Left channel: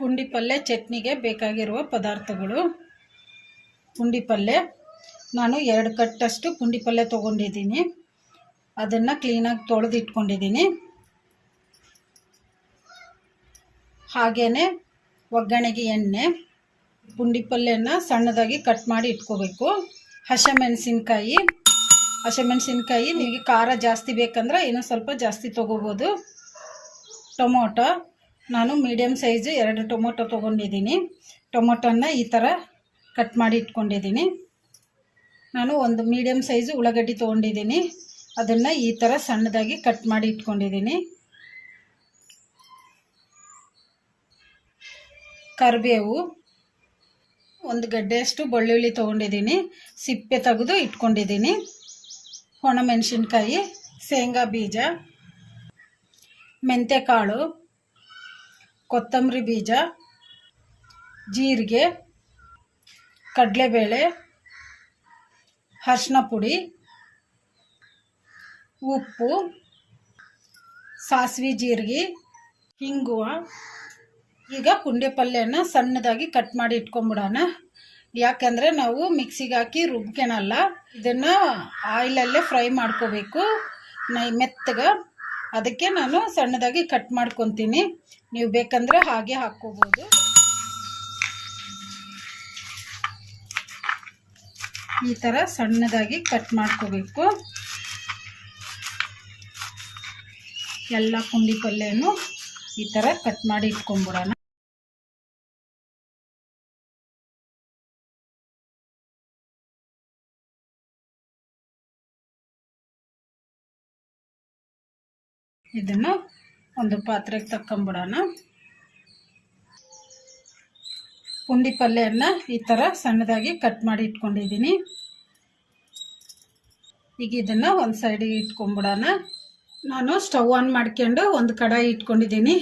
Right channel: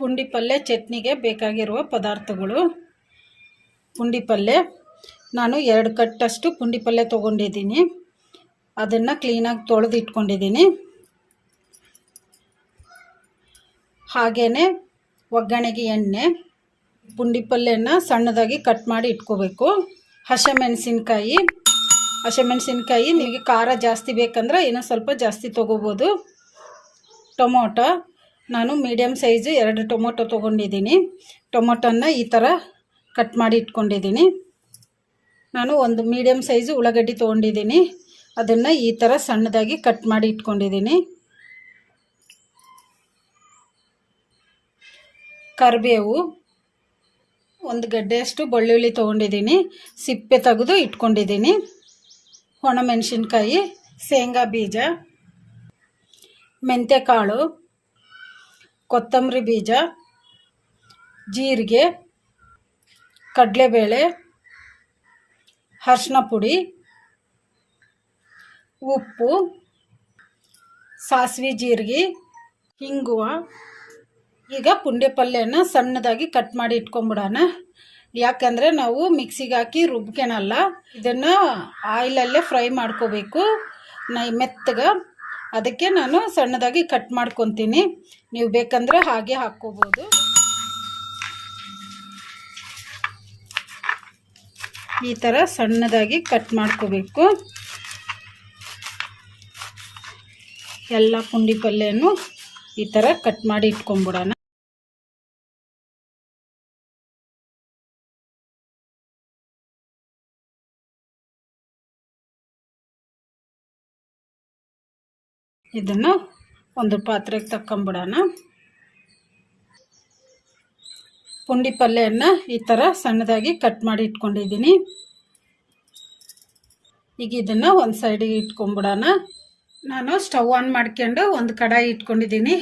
ಪುಂಡಿ ಪಲ್ಯ ಚಟ್ನಿಗೆ ಬೇಕಾಗಿರುವ ಪದಾರ್ಥಗಳು. ಪುಂಡಿ ಪಲ್ಯ ನಾನು 2 ಕಟ್ಟಷ್ಟು ಪುಂಡಿ ಪಲ್ಯ ತೊಗೊಂಡಿದ್ದೀನಿ. ಅದನ್ನು ಕ್ಲೀನಾಗಿ ತೊಳೆದು ಇಟ್ಕೊಂಡಿದ್ದೀನಿ. ಹಾಗೆಯೇ ಒಗ್ಗರಣೆಗೆ ಎಣ್ಣೆ, ಪುಂಡಿ ಪಲ್ಯನ ಸಣ್ಣದಾಗಿ ಕಟ್ ಮಾಡಿ ಇಟ್ಕೋಬೇಕು. ಹಸಿಮೆಣಸಿನ್ಕಾಯಿ ನಿಮಗೆ ಖಾರ ಜಾಸ್ತಿ ಬೇಕಂದ್ರೆ ಇನ್ನೂ ಸ್ವಲ್ಪ ಜಾಸ್ತಿ ತೊಗೋಬೋದು. ಟೊಮೊಟೊ ನಾನು ಮೀಡಿಯಮ್ ಸೈಜು 2 ಟೊಮೊಟೊ ತೊಗೊಂಡಿದ್ದೀನಿ. ಟೊಮೊಟೊನ ಈ ಥರ ಕಟ್ ಮಾಡಿ ಇಟ್ಕೊಂಡಿದ್ದೀನಿ. ನಾನು ಒಂದು ಮೀಡಿಯಮ್ ಸೈಜು ಉಳ್ಳಾಗಡ್ಡಿ ತೊಗೊಂಡಿದ್ದೀನಿ. ಅದನ್ನು ಈ ಥರ ಸಣ್ಣದಾಗಿ ಕಟ್ ಮಾಡಿ ಇಟ್ಕೊಂಡಿದ್ದೀನಿ. ಕರಿಬೇವು, 1 ಗಡ್ಡೆಯಷ್ಟು ಬೆಳ್ಳುಳ್ಳಿ ತೊಗೊಂಡಿದ್ದೀನಿ. ಸಿಪ್ಪೆ ತೆಗೆದು ಇಟ್ಕೊಂಡಿದ್ದೀನಿ. ಒಣಮೆಣಸಿನ್ಕಾಯಿ, ಶೇಂಗಾ ಬೀಜ, ಮೆಂತ್ಯಕಾಳು, ಕೊತ್ತಂಬರಿ ಬೀಜ, ಜೀರಿಗೆ, ಕಡಲೆಬೇಳೆ, ಅರಿಶಿನ ಪುಡಿ, ಉಪ್ಪು, ಸಾಸಿವೆ ಜೀರಿಗೆ, ಹಿಂಗುವ. ಈಗ ಪುಂಡಿ ಪಲ್ಯನ ಸಣ್ಣದಾಗಿ ಕಟ್ ಮಾಡಿ ಇಟ್ಕೊಂಬಿಡೋಣ. ಯಾಕಂದರೆ ನಾವು ಮಿಕ್ಸಿಗೆ ಹಾಕಿ ರುಬ್ಕೊಳಲ್ಲ, ಇದನ್ನು ಆಯಿಲಲ್ಲೇ ಫ್ರೈ ಮಾಡ್ಕೋಬೇಕು ಮೆತ್ತಗೆ. ಅದಕ್ಕೆ ನಾನು ಸಣ್ಣದಾಗಿ ಕಟ್ ಮಾಡ್ಕೊತೀನಿ. ನೀವು ಬೇಕಂದ್ರೆ ಹಾಗೆ ಹಾಕ್ಕೋಬೋದು. ಈ ಥರ ಸಣ್ಣದಾಗಿ ಕಟ್ ಮಾಡ್ಕೋಬೇಕು. ಎಲ್ಲ ಪುಂಡಿ ಪಲ್ಯನೂ ಈ ಥರ ಕಟ್ ಮಾಡಿ ಇಟ್ಕೊಂಬಿಡೋಣ. ಇದನ್ನು ಒಂದು ಪಾತ್ರೆಗೆ ತಕ್ಕೊಂಬಿಡೋಣ. ಪುಂಡಿ ಪಲ್ಯನ ಈ ಥರ ಸಣ್ಣದಾಗಿ ಕಟ್ ಮಾಡಿ ಇಟ್ಕೊಂಡಿದ್ದೀನಿ. ಈಗ ಇದನ್ನು ಒಂದು ಸೈಡಿಗೆ ಇಟ್ಕೊಂಬಿಡೋಣ. ನಾನು ಸ್ಟವ್ ಆನ್ ಮಾಡ್ಕೊಂಡು ಒಂದು ಕಡಾಯಿ ಇಟ್ಕೊಂಡಿದ್ದೀನಿ.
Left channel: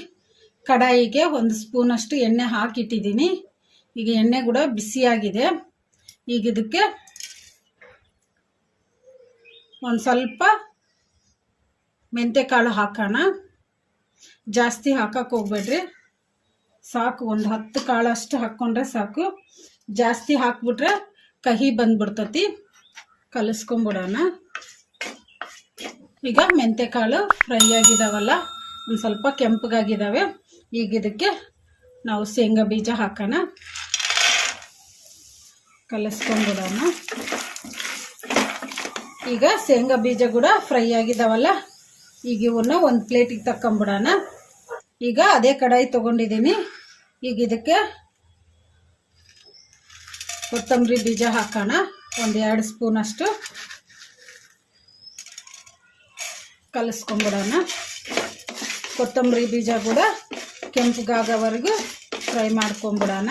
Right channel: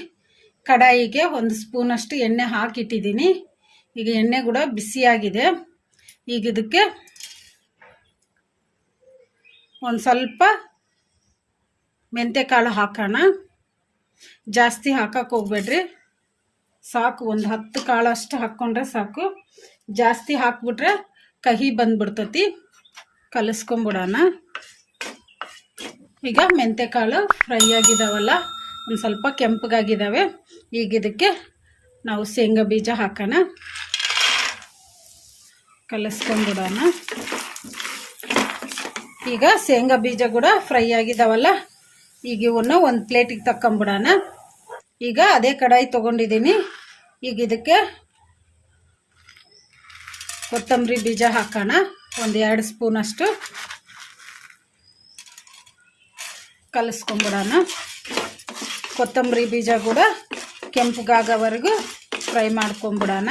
ಕಡಾಯಿಗೆ 1 ಸ್ಪೂನಷ್ಟು ಎಣ್ಣೆ ಹಾಕಿಟ್ಟಿದ್ದೀನಿ. ಈಗ ಎಣ್ಣೆ ಕೂಡ ಬಿಸಿಯಾಗಿದೆ. ಈಗ ಇದಕ್ಕೆ ಒಂದು ಸ್ವಲ್ಪ ಮೆಂತ್ಯಕಾಳು ಹಾಕೋಣ. ಜಾಸ್ತಿ ಹಾಕಕ್ಕೆ ಹೋಗ್ಬೇಡ್ರಿ, ಸಾಕು. ಒಂದು 10 ಕಾಳಷ್ಟು ಹಾಕ್ಕೊಂಡ್ರೆ ಸಾಕು. ಜಾಸ್ತಿ ಹಾಕ್ಬಿಟ್ರೆ ಕಹಿ ಬಂದ್ಬಿಡ್ತತಿ. ಕಲಿಸ್ಕೊಂಬಿಡೋಣ. ಈಗ ಮೆಂತ್ಯಕಾಳು ಫ್ರೈ ಆಗಿದಾವಲ್ಲ, ಒಂದು ಸ್ವಲ್ಪ ಕೆಂಪಗಾಗಿದ್ದಾವೆ. ಈಗ ಇದಕ್ಕೆ ನಾವು ಶೇಂಗಾ ಬೀಜ ಹಾಕೋಣ. ಕಲಿಸ್ಕೊಂಬಿಡೋಣ. ಈಗ ಶೇಂಗಾ ಬೀಜ ಕೂಡ ಫ್ರೈ ಆಗಿದಾವಲ್ಲ, ಈಗ ಇವನ್ನ ಒಂದು ಪ್ಲೇಟಿಗೆ ತಕ್ಕೊಂಬಿಡೋಣ. ಈಗ ಅದೇ ಕಡಾಯಿ ತೊಗೊಂಡಿದ್ದೀನಿ. ಈಗ ಇದಕ್ಕೆ ಕೊತ್ತಂಬರಿ ಬೀಜ ಹಾಕೋಣ. ಒಂದು 2 ಸ್ಪೂನಷ್ಟು ಕಲಿಸ್ಕೊಂಬಿಡೋಣ. ಕೊತ್ತಂಬರಿ ಬೀಜ ಕೂಡ ಕೆಂಪಗಾಗೋವರೆಗೂ ಫ್ರೈ ಮಾಡ್ಕೊಂಬಿಡೋಣ.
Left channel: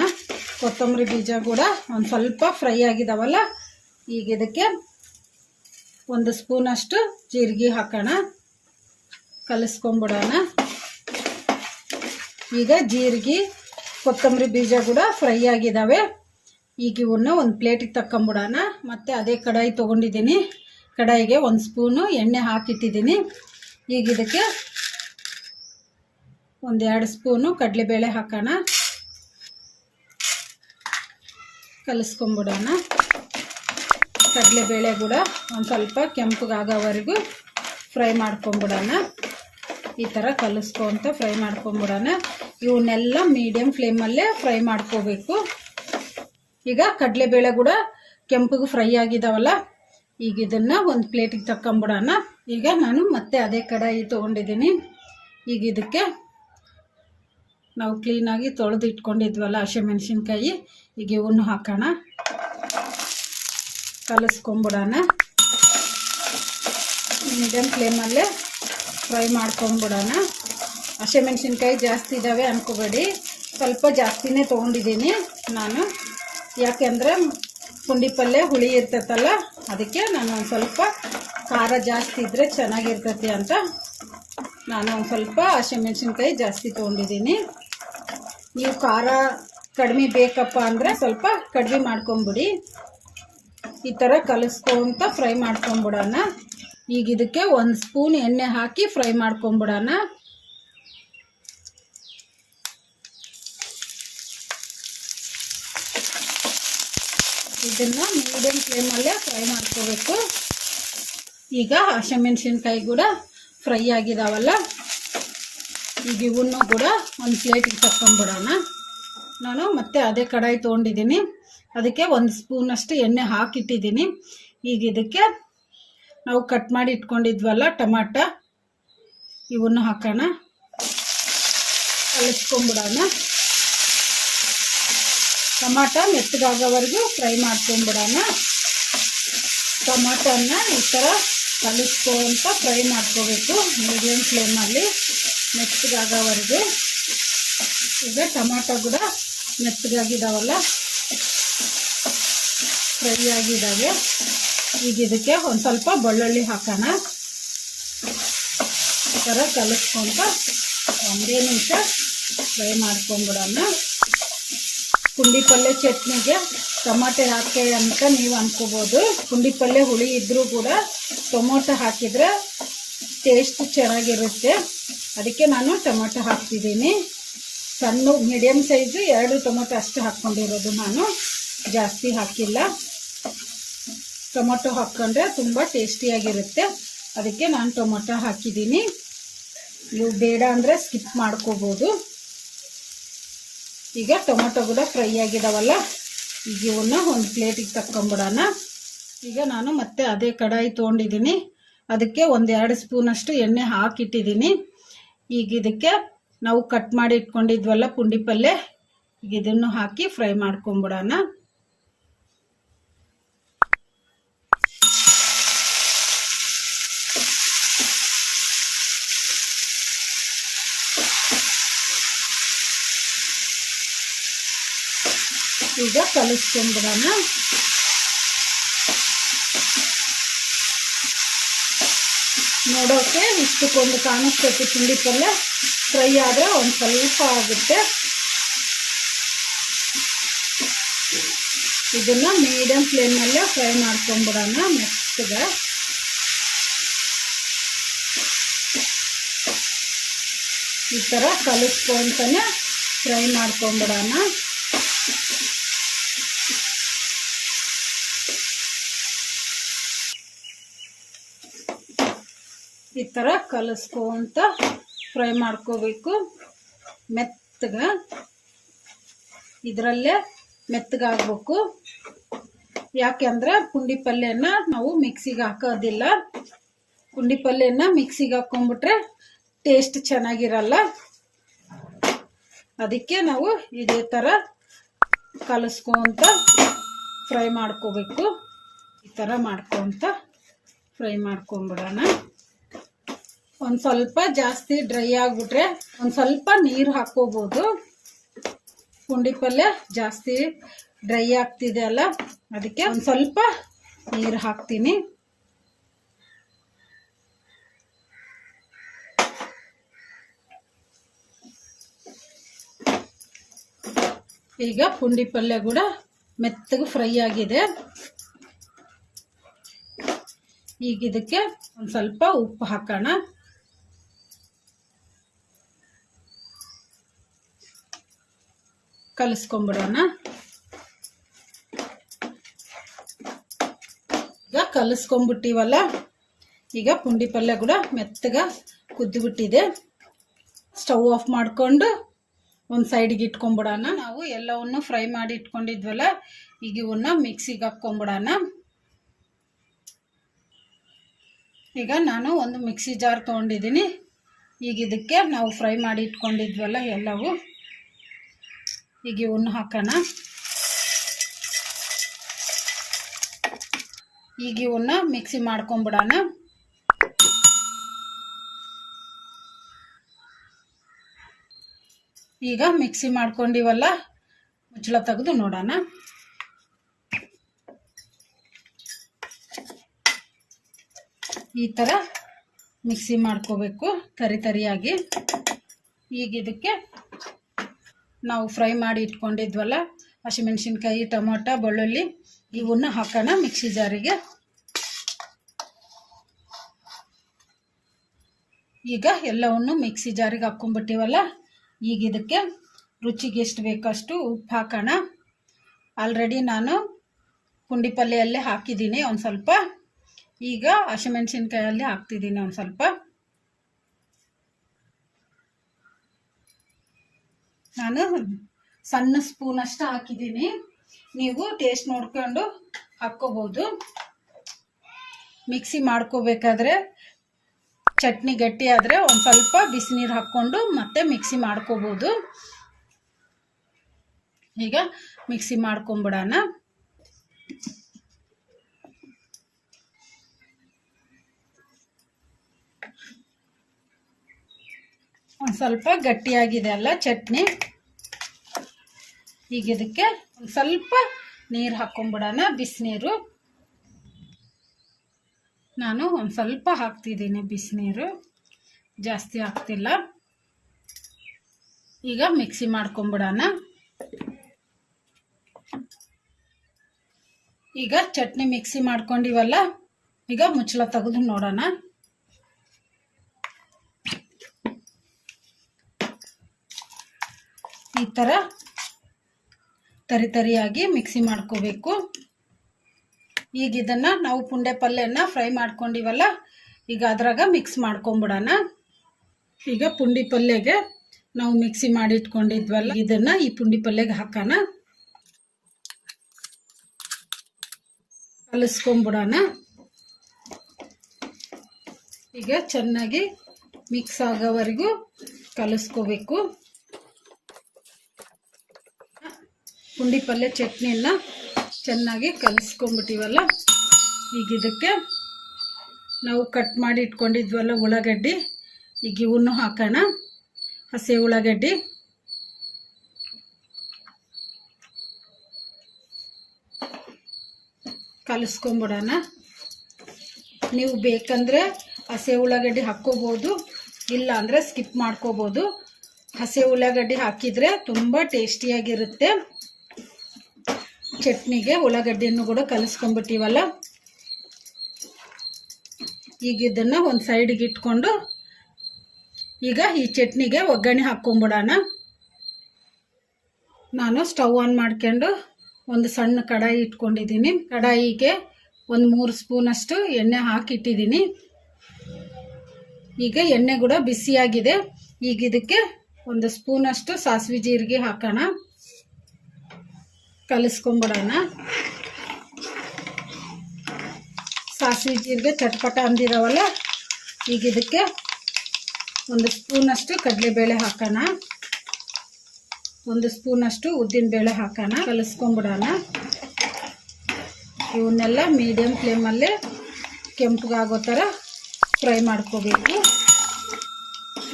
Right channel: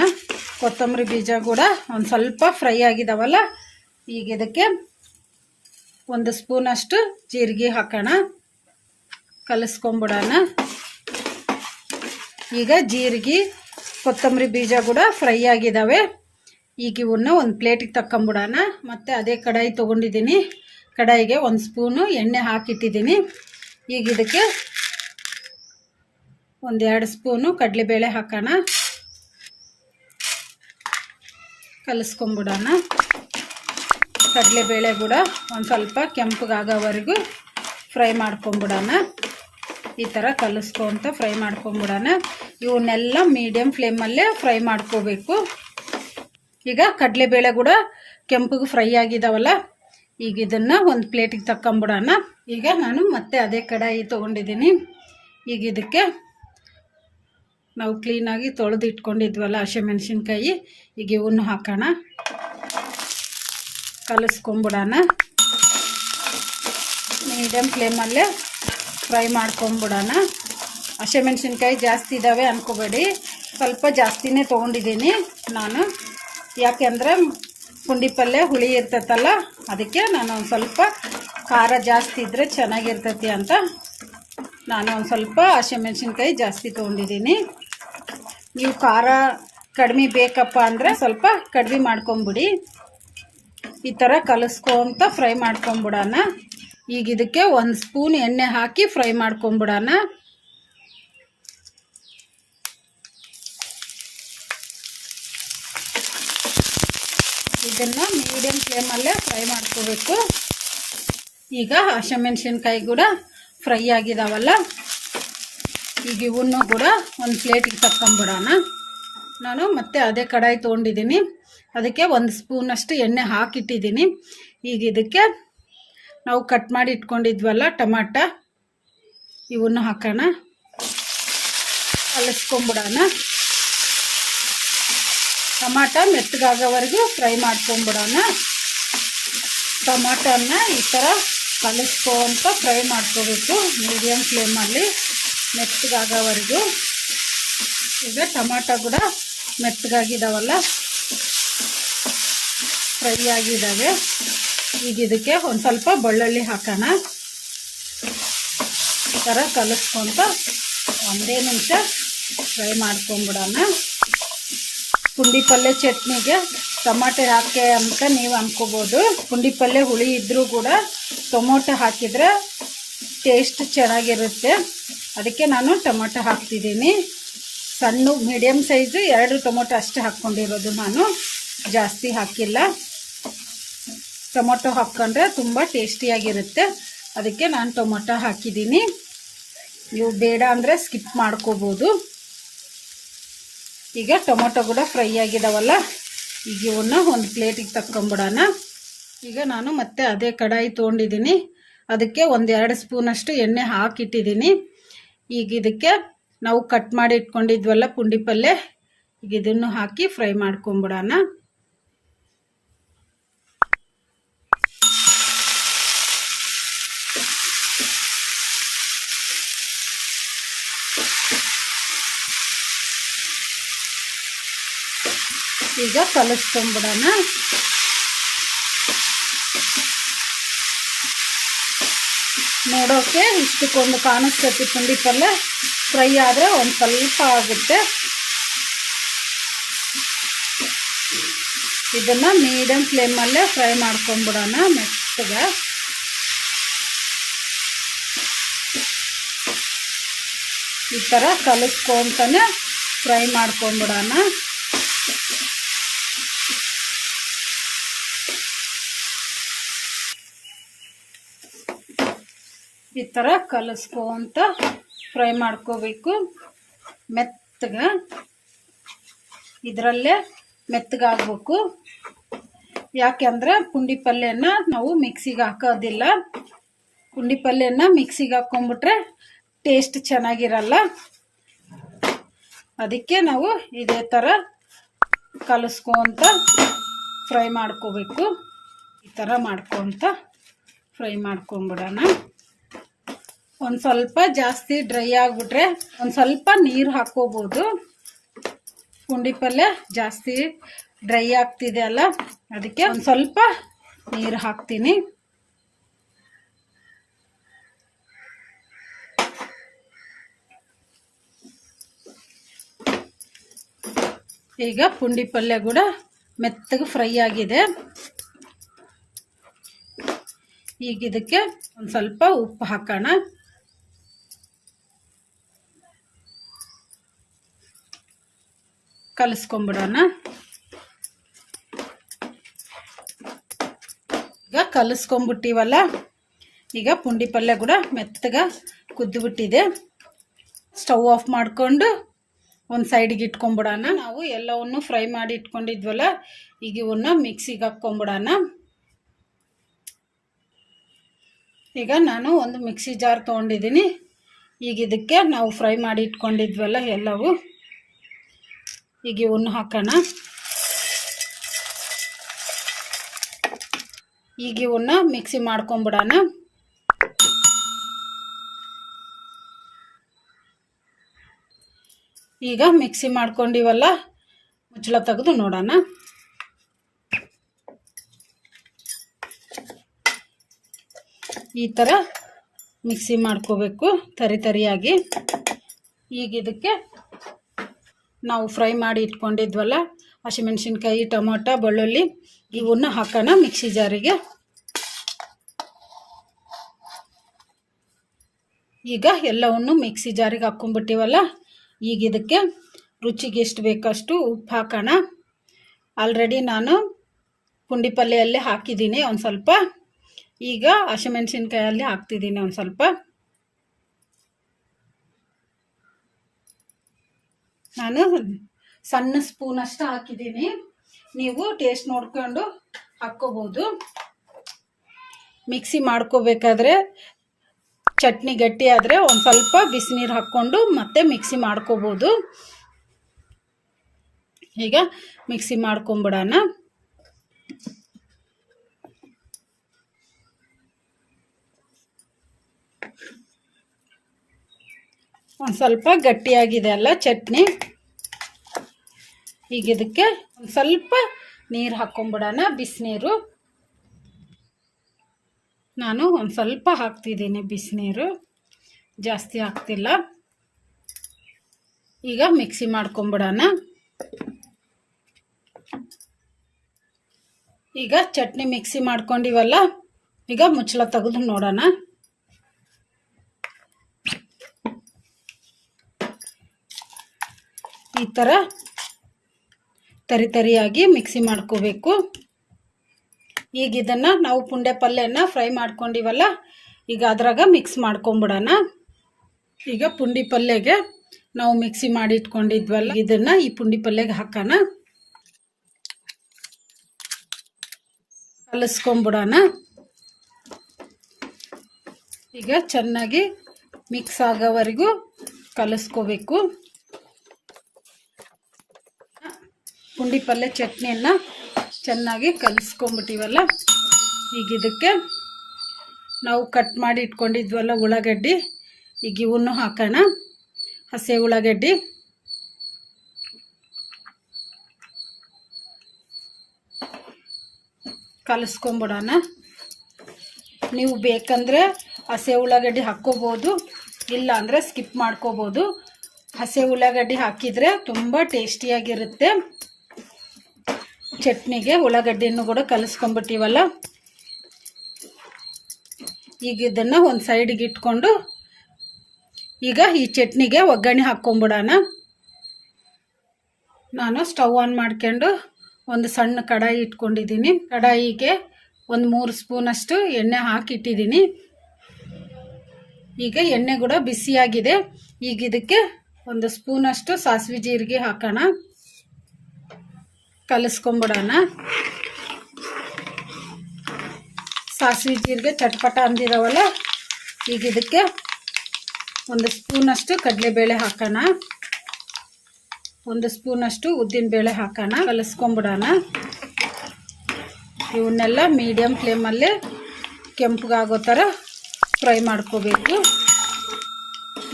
ಕೊತ್ತಂಬರಿ ಬೀಜ ಕೂಡ ಒಂದು ಸ್ವಲ್ಪ ಫ್ರೈ ಆಗಿದಾವಲ್ಲ, ಈಗ ಇದಕ್ಕೆ 1 ಸ್ಪೂನಷ್ಟು ಜೀರಿಗೆ ಹಾಕೋಣ. ಕಲಿಸ್ಕೊಂಬಿಡೋಣ. ಈಗ ಜೀರಿಗೆ ಕೊತ್ತಂಬರಿ ಬೀಜ ಕೂಡ ಫ್ರೈ ಆಗಿದ್ದಾವೆ. ಈಗ ಇವನ್ನ ಒಂದು ಪ್ಲೇಟಿಗೆ ತಕ್ಕೊಂಬಿಡೋಣ. ಮತ್ತು ಅದೇ ಕಡಾಯಿ ತೊಗೊಂಡಿದ್ದೀನಿ. ಕಡಾಯಿಗೆ 1 ಸ್ಪೂನು ಎಣ್ಣೆ ಹಾಕಿಟ್ಟಿದ್ದೀನಿ. ಈಗ ಇದಕ್ಕೆ 1-2 ಸ್ಪೂನು ಕಡಲೆಬೇಳೆ ಹಾಕೋಣ. ಕಲಿಸ್ಕೊಂಬಿಡೋಣ. ಕಡಲೆಬೇಳೆ ಕೂಡ ಒಂದು ಸ್ವಲ್ಪ ಕೆಂಪಗಾಗೋವರೆಗೂ ಫ್ರೈ ಮಾಡ್ಕೊಂಬಿಡೋಣ. ಈ ಥರ ಕಲಿಸ್ಕೊಂತ ಫ್ರೈ ಮಾಡ್ಕೊಂಬಿಡೋಣ. ಇವನ್ನೆಲ್ಲ ಮೀಡಿಯಮ್ ಫ್ಲೇಮಲ್ಲೇ ಫ್ರೈ ಮಾಡ್ಕೋಬೇಕು. ಈಗ ಕಡಲೆಬೇಳೆ ಕೂಡ ಕೆಂಪಗೆ ಫ್ರೈ ಆಗಿದಾವಲ್ಲ, ಈಗ ಇದನ್ನು ಒಂದು ಪ್ಲೇಟಿಗೆ ತಕ್ಕೊಂಬಿಡೋಣ. ಈಗ ನಾನು ಮತ್ತೆ ಅದೇ ಕಡಾಯಿ ತೊಗೊಂಡಿದ್ದೀನಿ. ಈಗ ಇದಕ್ಕೆ ನಾವು ಕ್ಲೀನಾಗಿ ತೊಳೆದು ಇಟ್ಕೊಂಡಿದ್ವಲ್ಲ ಹಸಿಮೆಣಸಿನ್ಕಾಯಿ, ಈಗ ಇವನ್ನು ಹಾಕೋಣ. ಕಲಿಸ್ಕೊಂಬಿಡೋಣ. ಮೀಡಿಯಮ್ ಫ್ಲೇಮಲ್ಲೇ ಫ್ರೈ ಮಾಡ್ಕೊಂಬಿಡೋಣ. ಹಸಿಮೆಣ್ಸಿನ್ಕಾಯಿ ಜಾಸ್ತಿ ಇದ್ದಾವೆ ಅಂದ್ಕೋಬೇಡಿ, ಸ್ವಲ್ಪ ಜಾಸ್ತಿನೇ ತೊಗೊಂಡಿದ್ದೀನಿ ನಾನು. ಯಾಕೆಂದರೆ ಪುಂಡಿ ಪಲ್ಯ ಹುಳಿ ಇರ್ತೈತಲ್ಲ, ಅದಕ್ಕೆ ನಾನು ಒಂದು ಸ್ವಲ್ಪ ಖಾರ ಜಾಸ್ತಿ ಇದ್ದರೆ ಚೆನ್ನಾಗಿರ್ತೈತಿ ಅಂತ ನಾನು ಒಂದು ಸ್ವಲ್ಪ ಹಸಿಮೆಣ್ಸಿನ್ಕಾಯಿ ಜಾಸ್ತಿ ತೊಗೊಂಡಿದ್ದೀನಿ. ನೀವು ಖಾರ ಕಡಿಮೆ ಬೇಕಪ್ಪ ಅಂದರೆ ಸ್ವಲ್ಪ ಕಡಿಮೆ ಮಾಡ್ಕೊಂಬಿಡಿ. ಈ ಥರ ಕಲಿಸ್ಕೊಂತ ಫ್ರೈ ಮಾಡ್ಕೊಂಬಿಡೋಣ. ಈಗ ಇದಕ್ಕೆ 1 ಸ್ಪೂನ್ ಎಣ್ಣೆ ಹಾಕಿ ಫ್ರೈ ಮಾಡ್ಕೊಂಬಿಡೋಣ. ಇದನ್ನು ಮೀಡಿಯಮ್ ಫ್ಲೇಮಲ್ಲೇ ಫ್ರೈ ಮಾಡ್ಕೋಬೇಕು. ಈಗ ಹಸಿಮೆಣ್ಸಿನ್ಕಾಯಿ ಕೂಡ ಫ್ರೈ ಆಗಿದಾವಲ್ಲ, ಈಗ ಇವನ್ನು ಕೂಡ ಒಂದು ಪ್ಲೇಟಿಗೆ ತಕ್ಕೊಂಬಿಡೋಣ. ನಾನು ಮತ್ತೆ ಅದೇ ಕಡಾಯಿ ತೊಗೊಂಡಿದ್ದೀನಿ, ಅದಕ್ಕೆ 1 ಸ್ಪೂನಷ್ಟು ಎಣ್ಣೆ ಹಾಕಿಟ್ಟಿದ್ದೀನಿ. ಈಗ ಇದಕ್ಕೆ ನಾವು ಕಟ್ ಮಾಡಿ ಇಟ್ಕೊಂಡಿದ್ವಲ್ಲ ಟೊಮಾಟ, ಇವನ್ನು ಹಾಕೋಣ, ಕಲಿಸ್ಕೊಂಬಿಡೋಣ. Tomato ಮೆತ್ತಗಾಗೋವರೆಗೂ fry ಮಾಡ್ಕೊಂಬಿಡೋಣ. ಟೊಮಾಟೋನ ಈ ಥರ ಕಲಿಸ್ಕೊಂತ ಫ್ರೈ ಮಾಡ್ಕೋಬೇಕು ಮೀಡಿಯಮ್ ಫ್ಲೇಮಲ್ಲಿ ಮೆತ್ತಗಾಗೋವರೆಗೂ. ಈಗ ಟೊಮಾಟೊ ಕೂಡ ಮೆತ್ತಗಾಗಿದ್ದಾವಲ್ಲ, ಫ್ರೈ ಆಗಿದ್ದಾವೆ. ಈಗ ಇದಕ್ಕೆ ಒಂದು ಸ್ವಲ್ಪ ಬೆಳ್ಳುಳ್ಳಿ ಹಾಕೋಣ. ಈ ಥರ ಕಲಿಸ್ಕೊಂತ 1 ನಿಮಿಷ ಫ್ರೈ ಮಾಡ್ಕೊಂಬಿಡೋಣ. ಪುಂಡಿ ಪಲ್ಯ ಚಟ್ನಿಗೆ ಟೊಮಾಟೊ ಹಾಕಿ ಅಂತ ನೀವು ಅಂದ್ಕೋಬೋದು. ಪುಂಡಿ ಪಲ್ಯ ಹುಳಿ ಇದ್ದರೂ ಕೂಡ ಟೊಮೊಟೊ ಹಾಕಿದರೆ ಟೇಸ್ಟ್ ಚೆನ್ನಾಗಿರುತ್ತೆ, ಅದಕ್ಕೆ ನಾನು ಟೊಮೊಟೊ ಹಾಕ್ತಿದ್ದೀನಿ. ಸಣ್ಣ ಮೀಡಿಯಮ್ ಸೈಜು 2 ಟೊಮೊಟೊ ಅಷ್ಟೇ ಹಾಕ್ಕೊಂಡಿರೋದು, ನಾನು ಜಾಸ್ತಿ ಹಾಕಿಲ್ಲ. ಟೊಮೊಟೊ ಹಾಕ್ಕೊಂಡ್ರೆ ತುಂಬ ಟೇಸ್ಟಿಯಾಗಿರುತ್ತೆ, ಅದಕ್ಕೆ ನಾನು ಟೊಮೊಟೊ ಹಾಕಿದ್ದೀನಿ. ನೀವು ಬೇಡ ಅಂದರೆ ಸ್ಕಿಪ್ ಮಾಡ್ಕೋಬೋದು. ಈಗ ಟೊಮೊಟೊ ಕೂಡ ಫ್ರೈ ಆಗಿದಾವಲ್ಲ, ಈಗ ಇವನ್ನ ಒಂದು ಪ್ಲೇಟಿಗೆ ತಕ್ಕೊಂಬಿಡೋಣ. ಈಗ ನಾನು ಮತ್ತೆ ಅದೇ ಕಡಾಯಿ ತೊಗೊಂಡಿದ್ದೀನಿ, ಅದಕ್ಕೆ 1-2 ಸ್ಪೂನಷ್ಟು ಎಣ್ಣೆ ಹಾಕಿಟ್ಟಿದ್ದೀನಿ. ಈಗ ಇದಕ್ಕೆ ನಾವು ಕಟ್ ಮಾಡಿ ಇಟ್ಕೊಂಡಿದ್ವಲ್ಲ ಪುಂಡಿ ಪಲ್ಯ, ಈಗ ಇದನ್ನು ಹಾಕಿ ಫ್ರೈ ಮಾಡ್ಕೊಂಬಿಡೋಣ. ಈಗ ಕಲಿಸ್ಕೊಂಬಿಡೋಣ. ನೋಡೋಕೆ ಇಷ್ಟಕ್ಕೊಂದು ಕಾಣಿಸ್ತೈತಿ ಪುಂಡಿ ಪಲ್ಯ, ಫ್ರೈ ಆದರೆ ಒಂದು ಸ್ವಲ್ಪ ಆಗುತ್ತೆ. ಇದನ್ನು ಮೀಡಿಯಮ್ ಫ್ಲೇಮಲ್ಲೇ ಫ್ರೈ ಮಾಡ್ಕೊಂಬಿಡೋಣ ಮೆತ್ತಗೆ. ಈ ಥರ ಕಲಿಸ್ಕೊಂತಾನೆ ಫ್ರೈ ಮಾಡ್ಕೊಂಬಿಡೋಣ. ಈ ಥರ ಕಲಿಸ್ಕೊಂತ ಫ್ರೈ ಮಾಡ್ಕೋಬೇಕು ಮೆತ್ತಗೆ. ಇದರಲ್ಲೇ ಮೆತ್ತಗಾಗಬೇಕು, ಯಾಕೆಂದರೆ ಪುಂಡಿ ಪಲ್ಯನ ನಾವು ಮಿಕ್ಸಿಗೆ ಹಾಕೋದಿಲ್ಲ. ಪುಂಡಿ ಪಲ್ಯನ ಮಿಕ್ಸಿಗೆ ಹಾಕ್ಕೊಂಬಿಟ್ರೆ ಟೇಸ್ಟ್ ಚೆನ್ನಾಗಿರಲ್ಲ, ಅದಕ್ಕೆ ನಾವು ಇದೇ ಥರ ಕಲಿಸ್ಕೊಂತ ಫ್ರೈ ಮಾಡ್ಕೋಬೇಕು. ಈ ಥರ ಮಾಡ್ಕೊತ ಫ್ರೈ ಮಾಡ್ಕೊಂಬಿಡೋಣ. ಒಂದು ಸ್ವಲ್ಪ ಜಾಸ್ತಿ ಡ್ರೈ ಆಗಿಬಿಟ್ರೆ ಒಂದು ಸ್ವಲ್ಪ ನೀರು ಹಾಕ್ಕೋಬೋದು. ಪುಂಡಿ ಪಲ್ಯ ಜಾಸ್ತಿ ಡ್ರೈ ಆಗ್ತಿದೆ ಅಲ್ಲ, ಅದಕ್ಕೆ ಒಂದು ಸ್ವಲ್ಪ ನೀರು ಹಾಕ್ತೀನಿ. ಈಗ ಪುಂಡಿ ಪಲ್ಯ ಕೂಡ ಮೆತ್ತಗೆ ಫ್ರೈ ಆಗಿದೆ. ಈಗ ಇದಕ್ಕೆ ಒಂದು ಸ್ವಲ್ಪ ಉಪ್ಪು ಹಾಕೋಣ. ಕಲಿಸ್ಕೊಂಬಿಡೋಣ. ಈಗ ಕಲಿಸ್ಕೊಂಬಿಟ್ಟಿವಲ್ಲ, ಈಗ ಪುಂಡಿ ಪಲ್ಯ ಕೂಡ ಮೆತ್ತಗೆ ಕುದ್ದುಬಿಟ್ಟಿದೆ. ಸ್ಟವ್ ಆಫ್ ಮಾಡಿಕೊಂಡು ಒಂದು ಸೈಡಿಗೆ ಇಟ್ಕೊಂಬಿಡೋಣ. ನಾವು ಎಲ್ಲವನ್ನು ಫ್ರೈ ಮಾಡಿ ಇಟ್ಕೊಂಡಿದ್ವಲ್ಲ, ಈಗ ಇವನ್ನ ಮಿಕ್ಸಿಗೆ ಹಾಕ್ಕೊಂಬಿಡೋಣ. ಈಗ ನಾನು ಒಂದು ಮಿಕ್ಸಿ ಜಾರ್ ತೊಗೊಂಡಿದ್ದೀನಿ. ಈಗ ಇದಕ್ಕೆ ನಾವು ಫ್ರೈ ಮಾಡಿ ಇಟ್ಕೊಂಡಿದ್ವಲ್ಲ ಎಲ್ಲವೂ, ಈಗ ಇವನ್ನ ಹಾಕೋಣ. ಈಗ ಇವನ್ನ ಮಿಕ್ಸಿ ಮಾಡ್ಕೊಂಬಿಡೋಣ. ಈಗ ಮಿಕ್ಸಿ ಮಾಡ್ಕೊಂಡಿವಲ್ಲ, ಮುಚ್ಚಳ ತೆಗೆದು ನೋಡೋಣ. ಈ ಥರ ಮಿಕ್ಸಿ ಮಾಡ್ಕೋಬೇಕು ತರಿ ತರಿಯಾಗಿ. ಈಗ ಇದಕ್ಕೆ ನಾವು ಫ್ರೈ ಮಾಡಿ ಇಟ್ಕೊಂಡಿದ್ವಲ್ಲ ಹಸಿಮೆಣಸಿನ್ಕಾಯಿ, ಟೊಮೊಟೊ, ಬೆಳ್ಳುಳ್ಳಿ ಇವನ್ನ ಹಾಕೋಣ ಮಿಕ್ಸಿ ಜಾರಿಗೆ. ಈಗ ಎಲ್ಲವನ್ನು ಮಿಕ್ಸಿ ಜಾರಿಗೆ ಹಾಕ್ಕೊಂಡ್ಬಿಟ್ಟಿವಲ್ಲ, ಈಗ ಇದಕ್ಕೆ ರುಚಿಗೆ ಎಷ್ಟು ಬೇಕಷ್ಟು ಉಪ್ಪು ಹಾಕೋಣ. ಆಲ್ರೆಡಿ ನಾನು ಪುಂಡಿ ಪಲ್ಲೆಯಲ್ಲೇ ಹಾಕಿದ್ದೀನಿ ಒಂದು ಸ್ವಲ್ಪ. ಈಗ ಹಸಿಮೆಣಸಿನ್ಕಾಯಲ್ಲಿ ಹಾಕ್ತಿದ್ದೀನಿ ಒಂದು ಸ್ವಲ್ಪ. ನಾನು ಸಣ್ಣ ಸ್ಪೂನಷ್ಟು ಹಾಕಿದ್ದೀನಿ, ನೀವು ಟೇಸ್ಟ್ ನೋಡ್ಕೊಂಡು ಹಾಕ್ಕೋಬೋದು. ಮಿಕ್ಸಿ ಮಾಡ್ಕೋಬೇಕಾದ್ರೆ ಚಟ್ನಿ ಗಟ್ಟಿ ಆದರೆ ಒಂದು ಸ್ವಲ್ಪ ಬಿಸಿನೀರು ಹಾಕ್ಕೊಂಡು ಮತ್ತೆ ಮಿಕ್ಸಿ ಮಾಡ್ಕೋಬೋದು. ಈಗ ಮಿಕ್ಸಿ ಮಾಡ್ಕೊಂಬಿಡೋಣ. ಒಂದು ಸ್ವಲ್ಪ ಗಟ್ಟಿಯಾಗಿದೆ ಅಲ್ಲ ಚಟ್ನಿ. ಈಗ ಇದಕ್ಕೆ ಒಂದು ಸ್ವಲ್ಪ ನೀರು ಹಾಕ್ಕೊಂಬಿಡೋಣ, ಬಿಸಿನೀರು. ನಾನು ಒಂದು ಸ್ವಲ್ಪ ಹಾಕ್ತಿದ್ದೀನಿ ಬಿಸಿನೀರು, ಜಾಸ್ತಿ ಹಾಕ್ತಿಲ್ಲ. ಈಗ ಮಿಕ್ಸಿ ಮಾಡ್ಕೊಂಬಿಡೋಣ. ಈಗ ಚಟ್ನಿ ಮಿಕ್ಸಿ ಮಾಡ್ಕೊಂಡಿವಲ್ಲ, ಈಗ ಮುಚ್ಚಳ ತೆಗೆದು ನೋಡೋಣ. ಈ ಥರ ತರಿ ತರಿಯಾಗಿ ಮಿಕ್ಸಿ ಮಾಡ್ಕೋಬೇಕು. ಈಗ ಇದನ್ನು ನಾವು ಪುಂಡೆ ಪಲ್ಯನ ಫ್ರೈ ಮಾಡ್ಕೊಂಡಿವಲ್ಲ, ಈಗ ಅದ್ರಾಗ ಮಿಕ್ಸ್ ಮಾಡ್ಕೊಂಬಿಡೋಣ. ಈಗ ಪುಂಡಿ ಪಲ್ಯಗೆ ನಾವು ಮಿಕ್ಸಿ ಮಾಡಿ ಇಟ್ಕೊಂಡಿದ್ವಲ್ಲ, ಇದನ್ನು ಈ ಪುಂಡಿ ಪಲ್ಯಗೆ ಹಾಕೋಣ, ಕಲಿಸ್ಕೊಂಬಿಡೋಣ. ಈಗ ಚೆನ್ನಾಗಿ ಮಿಕ್ಸ್ ಆಗೋವರೆಗೂ ಕಲಿಸ್ಕೋಬೇಕು. ಪುಂಡಿ ಪಲ್ಯ ಚಟ್ನಿಯನ್ನು ಚೆನ್ನಾಗಿ ಕಲಿಸ್ಕೊಂಬಿಟ್ಟಿವಲ್ಲ, ಈಗ ಇದಕ್ಕೆ ನಾವು ಕಟ್ ಮಾಡಿ ಇಟ್ಕೊಂಡಿದ್ವಲ್ಲ ಉಳ್ಳಾಗಡ್ಡಿ, ಈಗ ಇವನ್ನು ಹಾಕೋಣ. ಹಸಿ ಉಳ್ಳಾಗಡ್ಡಿ ಕಲಿಸ್ಕೊಂಬಿಡೋಣ. ನೀವು ಬೇಕಂದರೆ ಹಸಿ ಉಳ್ಳಾಗಡ್ಡಿ ಹಾಕ್ಕೋಬೋದು, ಇಲ್ಲ ಅಂದರೆ ಸ್ಕಿಪ್ ಮಾಡ್ಕೋಬೋದು. ಹಸಿ ಉಳ್ಳಾಗಡ್ಡಿ ಹಾಕಿದರೆ ತುಂಬ ಟೇಸ್ಟಿಯಾಗಿರುತ್ತೆ. ಚಟ್ನಿಗೆ ಉಳ್ಳಾಗಡ್ಡಿಯನ್ನು ಕೂಡ ಕಲಿಸ್ಕೊಂಬಿಟ್ಟಿವಲ್ಲ, ಈಗ ಇದನ್ನು ಒಂದು ಸೈಡಿಗೆ ಇಟ್ಕೊಂಡು ಈಗ ಈ ಚಟ್ನಿಗೆ ಒಗ್ಗರಣೆ ಹಾಕ್ಕೊಂಬಿಡೋಣ. ನಾನು ಸ್ಟವ್ ಆನ್ ಮಾಡ್ಕೊಂಡು ಒಂದು ಸಣ್ಣ ಕಡಾಯಿ ಇಟ್ಕೊಂಡಿದ್ದೀನಿ. ಕಡಾಯಿಗೆ ಒಂದು 3 ಸ್ಪೂನಷ್ಟು ಎಣ್ಣೆ ಹಾಕಿಟ್ಟಿದ್ದೀನಿ. ಈಗ ಎಣ್ಣೆ ಕೂಡ ಬಿಸಿಯಾಗಿದೆ. ಈಗ ಇದಕ್ಕೆ ಒಂದು ಸ್ಪೂನಷ್ಟು ಸಾಸಿವೆ ಜೀರಿಗೆ ಹಾಕೋಣ, ಕಲಿಸ್ಕೊಂಬಿಡೋಣ. ಸಾಸಿವೆ ಜೀರಿಗೆ ಚಟ್ಪಟ ಅಂದಿರವಲ್ಲ, ಈಗ ಇದಕ್ಕೆ ಒಂದು ಸ್ಪೂನಷ್ಟು ಕಡಲೆಬೇಳೆ ಹಾಕೋಣ, ಒಂದು ಸ್ಪೂನಷ್ಟು ಉದ್ದಿನಬೇಳೆ ಹಾಕೋಣ, ಕಲಿಸ್ಕೊಂಬಿಡೋಣ. ಇವನ್ನೆಲ್ಲ ಮೀಡಿಯಮ್ ಫ್ಲೇಮಲ್ಲೇ ಕೆಂಪಗಾಗೋ ಥರ ಫ್ರೈ ಮಾಡ್ಕೋಬೇಕು.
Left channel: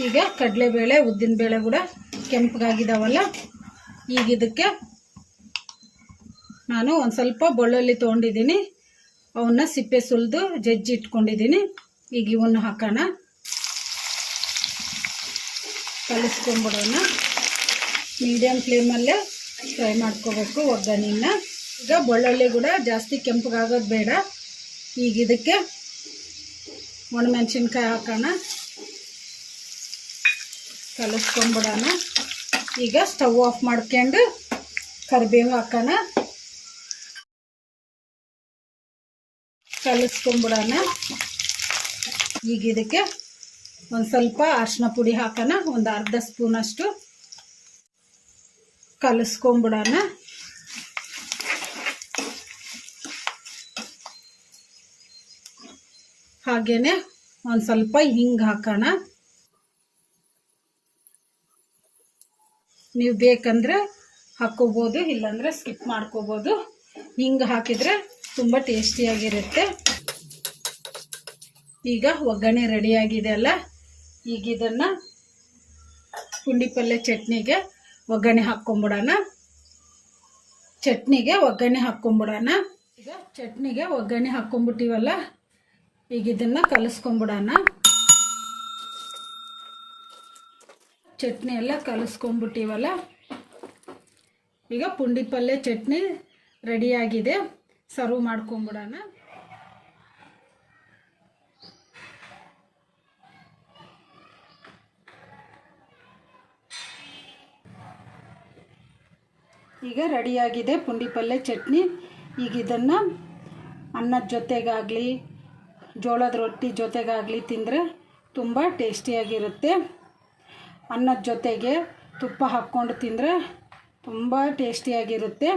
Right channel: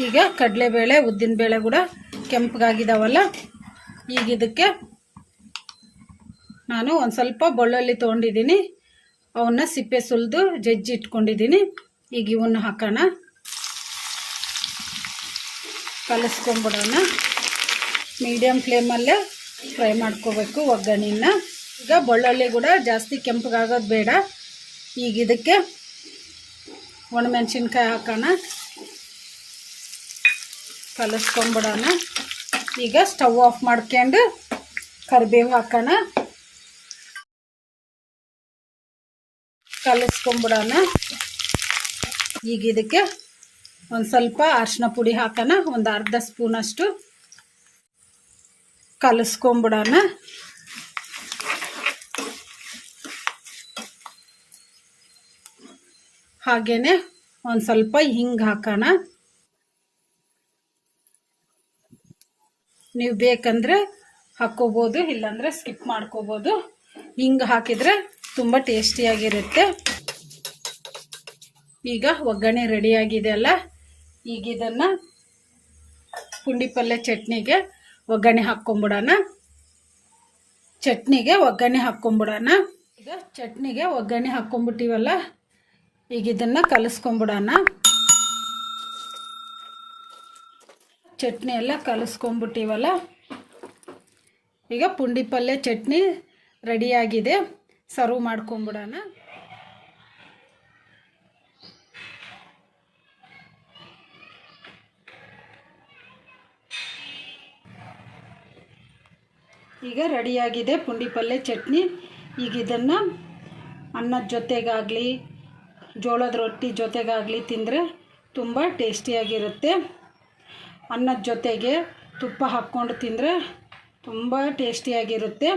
ಈಗ ಕಡಲೆಬೇಳೆ ಉದ್ದಿನಬೇಳೆ ಕೂಡ ಕೆಂಪಗಾಗಿದ್ದಾವಲ್ಲ, ಈಗ ಇದಕ್ಕೆ ನಾನು ಒಂದು ಸ್ವಲ್ಪ ಬೆಳ್ಳುಳ್ಳಿ ತೊಗೊಂಡಿದ್ದೀನಿ, ಅವನ್ನ ಸಿಪ್ಪೆ ಸುಲಿದು ಜಜ್ಜಿ ಇಟ್ಕೊಂಡಿದ್ದೀನಿ. ಈಗ ಇವನ್ನ ಹಾಕೋಣ, ಕಲಿಸ್ಕೊಂಬಿಡೋಣ. ಮೀಡಿಯಮ್ ಫ್ಲೇಮಲ್ಲೇ ಫ್ರೈ ಮಾಡ್ಕೋಬೇಕು ಒಗ್ಗರಣೆನ. ಈಗ ಬೆಳ್ಳುಳ್ಳಿ ಕೂಡ ಜಾಸ್ತಿ ಕೆಂಪಗಾಗೋದು ಬೇಡ. ಈಗ ಇದಕ್ಕೆ ಒಣಮೆಣಸಿನ್ಕಾಯಿ ಹಾಕೋಣ, ಕಲಿಸ್ಕೊಂಬಿಡೋಣ. ಈಗ ಸ್ಟವ್ ಆಫ್ ಮಾಡ್ಕೊಂಡು ಕರಿಬೇವು ಹಾಕೋಣ, ಕಲಿಸ್ಕೊಂಬಿಡೋಣ. ಈಗ ಇದಕ್ಕೆ ಒಂದು ಸ್ವಲ್ಪ ಅರಿಶಿನ ಪುಡಿ ಹಾಕೋಣ, ಒಂದು ಅರ್ಧ ಸ್ಪೂನಷ್ಟು, ಕಲಿಸ್ಕೊಂಬಿಡೋಣ. ಹಾಗೇನೆ ಒಂದು ಸ್ವಲ್ಪ ಹಿಂಗೆ ಹಾಕೋಣ. ನೀವು ಬೇಕಂದರೆ ಹಾಕ್ಕೋಬೋದು, ಇಲ್ಲಾಂದರೆ ಸ್ಕಿಪ್ ಮಾಡ್ಕೋಬೋದು. ಹಿಂಗೆ ಹಾಕಿದರೆ ತುಂಬ ಟೇಸ್ಟಿಯಾಗಿರುತ್ತೆ. ಈಗ ಒಗ್ಗರಣೆ ರೆಡಿಯಾಗಿದೆ ಅಲ್ಲ, ಈಗ ಇದನ್ನು ಪುಂಡಿ ಪಲ್ಯ ಚಟ್ನಿಗೆ ಒಗ್ಗರಣೆ ಹಾಕ್ಕೊಂಬಿಡೋಣ. ಈಗ ಚಟ್ನಿಗೆ ಒಗ್ಗರಣೆ ಹಾಕ್ಕೊಂಬಿಟ್ಟಿವಲ್ಲ, ಈಗ ಇದನ್ನು ಕಲಿಸ್ಕೊಂಬಿಡೋಣ. ಚಟ್ನಿ ಎಲ್ಲ ಕಲಿಸ್ಕೊಂಬಿಟ್ಟಿವಲ್ಲ, ಈಗ ಪುಂಡಿ ಪಲ್ಯ ಚಟ್ನಿ ರೆಡಿಯಾಗಿದೆ. ಸರ್ವ್ ಮಾಡ್ಕೊಂಬಿಡೋಣ. ಈಗ ರೆಡಿಯಾಗಿದೆ ಪುಂಡಿ ಪಲ್ಯ ಚಟ್ನಿ. ಈಗ ಇದನ್ನು ಅನ್ನದ ಜೊತೆಗಾಗಲಿ ಜೋಳದ ರೊಟ್ಟಿ ಜೊತೆಗಾಗಲಿ ತಿಂದರೆ ತುಂಬ ಟೇಸ್ಟಿಯಾಗಿರುತ್ತೆ. ಅನ್ನದ ಜೊತೆಗೆ ತುಪ್ಪ ಹಾಕ್ಕೊಂಡು ತಿಂದರೆ ತುಂಬ ಟೇಸ್ಟಿಯಾಗಿರುತ್ತೆ.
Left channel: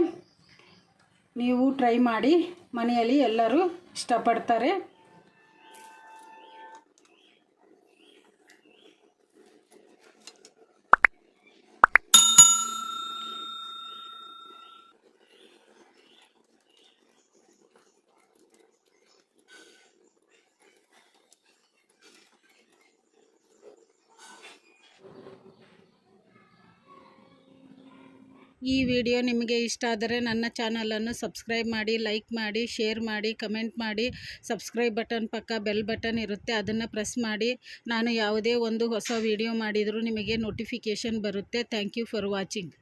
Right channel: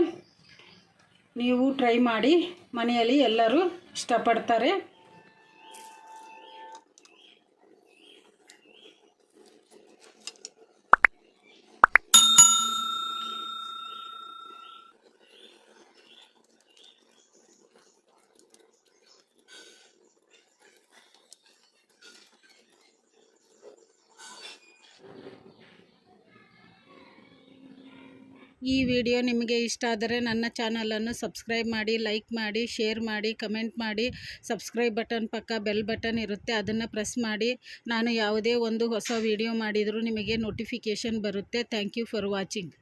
ನೀವು ಟ್ರೈ ಮಾಡಿ, ಮನೆಯಲ್ಲಿ ಎಲ್ಲರೂ ಇಷ್ಟಪಡ್ತಾರೆ. ಈ ವಿಡಿಯೋ ನಿಮಗೆ ಇಷ್ಟ ಆದರೆ ನನ್ನ ಚಾನಲನ್ನು ಸಬ್ಸ್ಕ್ರೈಬ್ ಮಾಡಿ, ಲೈಕ್ ಮಾಡಿ, ಶೇರ್ ಮಾಡಿ, ಕಮೆಂಟ್ ಮಾಡಿ. ಸಬ್ಸ್ಕ್ರೈಬ್ ಬಟನ್ ಪಕ್ಕ ಬೆಲ್ ಬಟನ್ ಇರುತ್ತೆ, ಅದನ್ನು ಪ್ರೆಸ್ ಮಾಡಿ. ನಾನು ಯಾವುದೇ ಒಂದು ಹೊಸ ವಿಡಿಯೋ ಮಾಡಿದರೂ ನಿಮಗೆ ನೋಟಿಫಿಕೇಷನ್ ಬರುತ್ತೆ. Thank you for watching.